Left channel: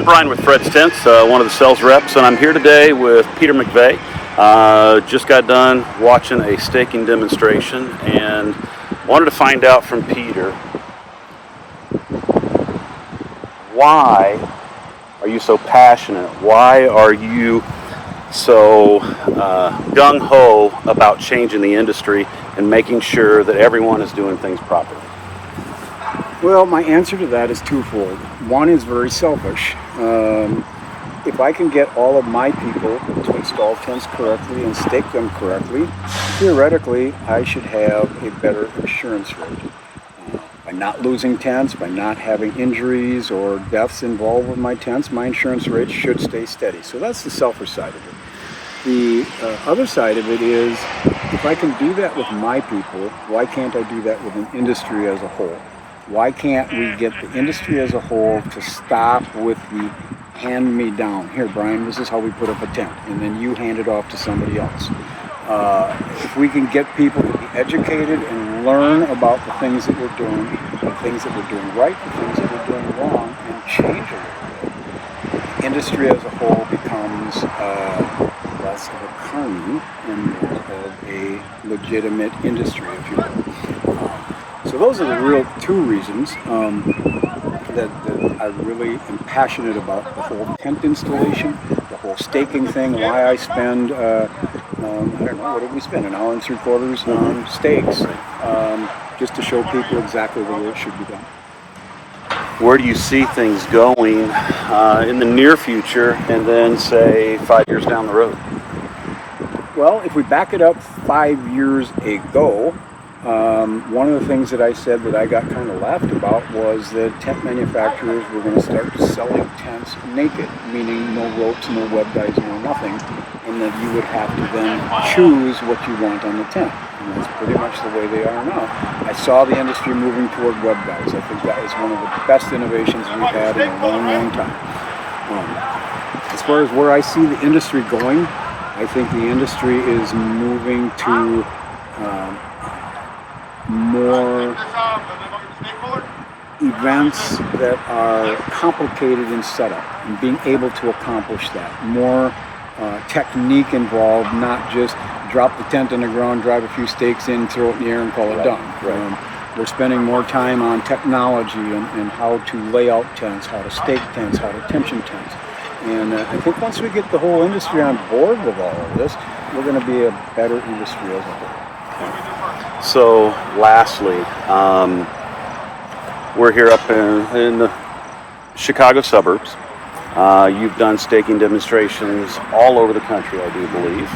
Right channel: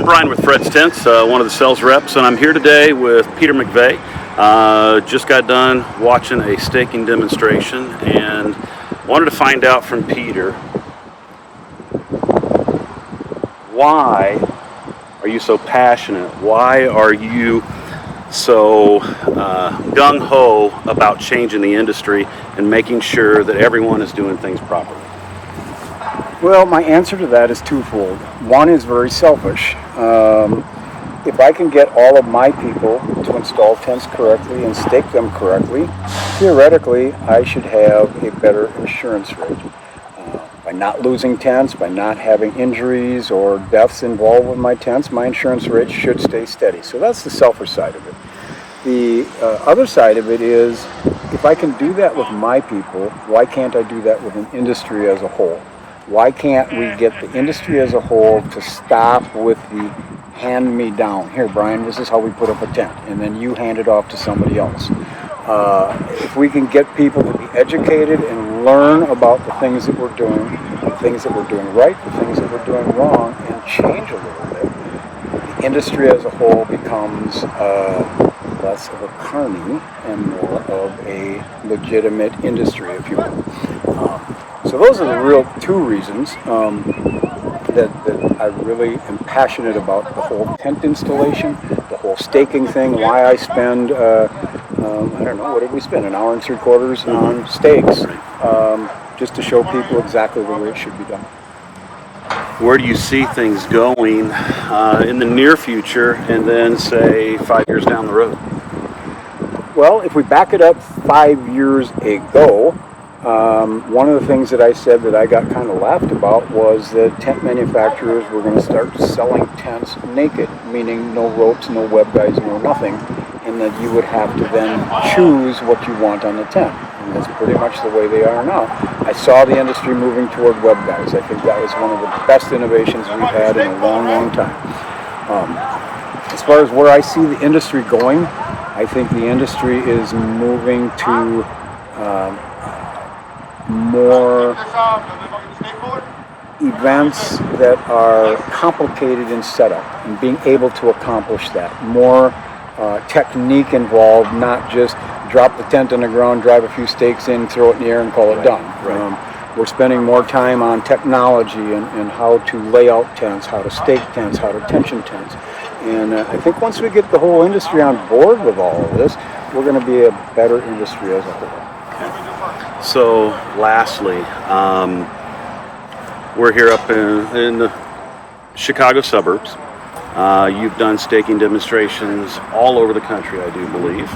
I'm Brian with Fred's Tents, one of the sales reps, and I'm here today with Peter McVey. Just got done watching a staking demonstration and wanted to find out from Peter, why are you so passionate? Why are you so gung-ho about changing the industry and making sure that everyone is doing things properly? Well, my answer to that is twofold. One is very selfish. If I can get all of my people to install tents correctly and stake them correctly, theoretically, I should have a better insurance rate. By not losing tents, by not having injuries or deaths involved with my tents, my insurance rate should stay steady. So that's the selfish side of it. The other side of it is, if I can do that with my people, why can't I do that with an industry as a whole? Why can't we get the industry as a whole to stop with the hand me down? Here, Brian, this is how we put up a tent, and then you hand it off to somebody else. If we can get people to be educated and learn about the things that we're doing, the things that we're doing right, the things that we're doing wrong, and change a little bit, the industry as a whole becomes less of a carny and more of a legitimate industry, if you will. So those are the real two reasons that I really am passionate about the whole tent installation, the whole staking thing, why I spend, I don't know, what did we spend, an hour and 3/4 on stakes, just to show people exactly the way it should be done. Where do you see things going in the near future and then, say, 5 years down the road? Well, if we back it up 5 years ago, one of the things that I said that I got kind of laughed about was that tent manufacturers were going to start selling tents naked, meaning no ropes, no web guides, no nothing, and that you would have to then choose what you want on the tent. And that's pretty much the way they are now. I saw the industry moving toward web guides. I think that was one of the best innovations we've had in a long, long time. As far as where I see the industry going, I think the industry is moving to more events that are complicated in setup and being able to accomplish that. More technique involved, not just drop the tent on the ground, drive a few stakes in, throw it in the air and call it done. Right. We're spending more time on technology and how to lay out tents, how to stake tents, how to tension tents. And I think once we get the whole industry on board with all of this, we're going to be a better industry as a whole. Okay. So, lastly, we're here up in the Chicago suburbs. You've done staking demonstrations all over the country, I do believe.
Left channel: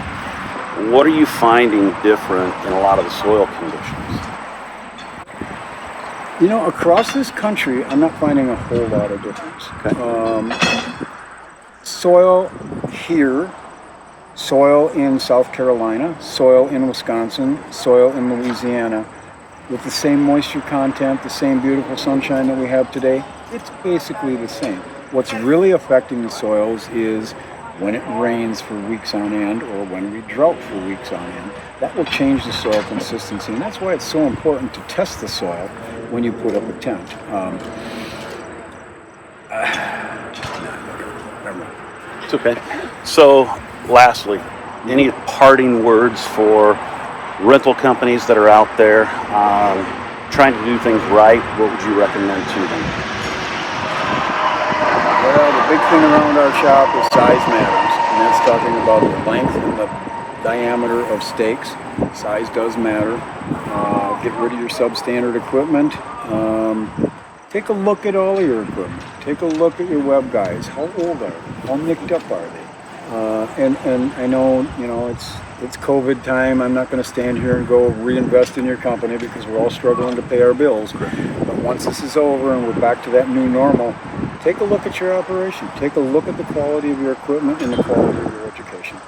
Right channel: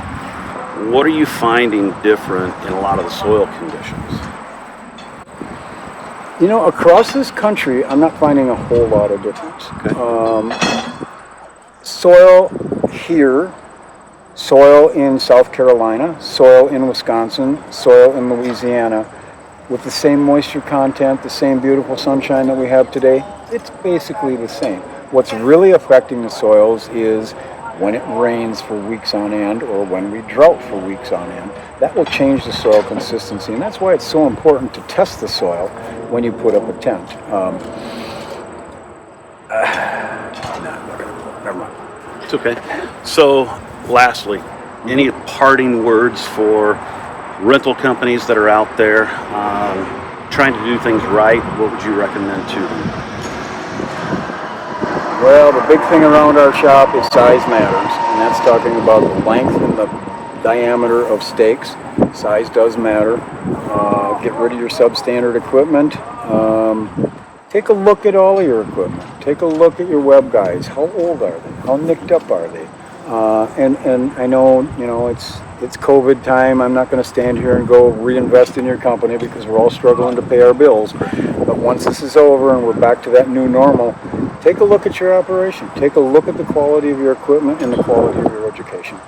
What are you finding different in a lot of the soil conditions? You know, across this country, I'm not finding a whole lot of difference. Okay. Soil here, soil in South Carolina, soil in Wisconsin, soil in Louisiana, with the same moisture content, the same beautiful sunshine that we have today, it's basically the same. What's really affecting the soils is when it rains for weeks on end or when we drought for weeks on end. That will change the soil consistency, and that's why it's so important to test the soil when you put up a tent. It's okay. So, lastly, any parting words for rental companies that are out there trying to do things right? What would you recommend to them? Well, the big thing around our shop is size matters, and that's talking about the length and the diameter of stakes. Size does matter. Get rid of your substandard equipment. Take a look at all of your equipment. Take a look at your web guides. How old are they? How nicked up are they? And I know, it's COVID time. I'm not going to stand here and go reinvest in your company because we're all struggling to pay our bills. But once this is over and we're back to that new normal, take a look at your operation. Take a look at the quality of your equipment and the quality of your education.